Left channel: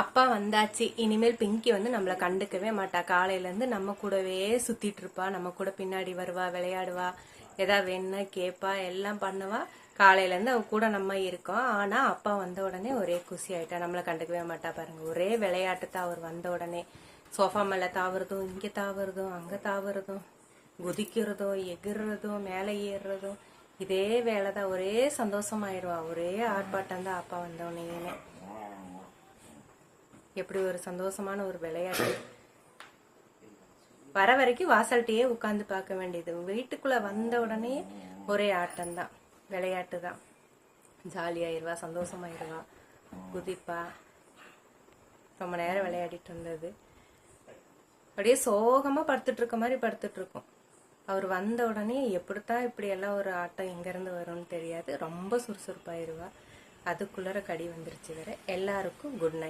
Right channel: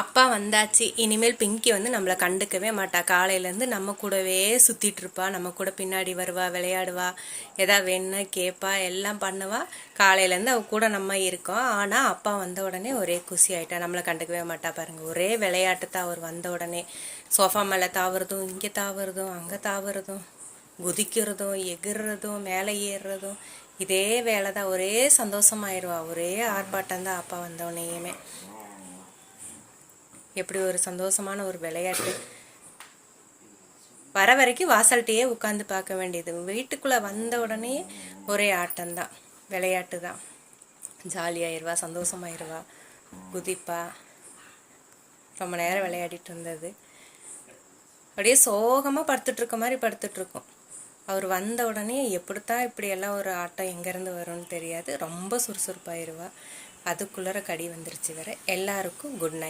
அப்பா வந்தாச்சு. இனிமேல் பிங்கி வந்து நம்மளை கண்டுக்கவே மாட்டா. காலையிலேருந்து நம்ம கூடவே சுற்றிட்டு இருப்பா. நம்ம கூட பின்னாடி வருவா, விளையாடுவா, எதாவது வேணும்னா கேட்பா, எல்லாம் பண்ணுவா. காலையிலேருந்து அவ கூட நம்ம இருக்கோம். ஆனால் அப்பா வந்த உடனே ஒரே குசி ஆகிட்டா. நம்மளை கண்டுக்கவே மாட்டா பாருங்கள். ஒரே விளையாட்டு தான். அவர் வந்த உடனே சோஃபா மேலே தாவுறதும், இங்கே தாவுறதும், அங்கே தாவுறதும், குதிக்கிறதும், எகிறதும், மேலே ஏறுறதும், இதே வேலை தான். ஒரே சந்தோஷமாயிருவா. ஒரே ஆர்ப்பாட்டம் தான் அப்பா வந்தோடனேயுமே. எப்படி ஒரு சந்தோஷமான ஒரு விளையாட்டு. வர வரைக்கும் வாசல்கிட்டையே உட்காந்து பார்க்க வேண்டியது. வீட்டுக்குள்ளே வந்த உடனே ஒரே ஆட்டம்தான், விளையாட்டு தான். ஜாலியாயிருவா, சந்தோஷமாயிருவா, குதிப்பா. ரொம்ப நேரம் விளையாடிட்டு இருந்தது. அப்படியே சோகமாக படுத்துட்ருக்க மாதிரி படுத்துட்ருக்கோம். அவர் வந்த உடனே எப்படித்தான் இப்படியெல்லாம் ஒரு ஆட்டம் எங்கேருந்து வரும்னு தெரியாது. ரொம்ப சுறுசுறுப்பாயிருவா. அதுக்குள்ளே கடி வந்துருச்சு. வர எல்லாருக்கும் குட் நைட்.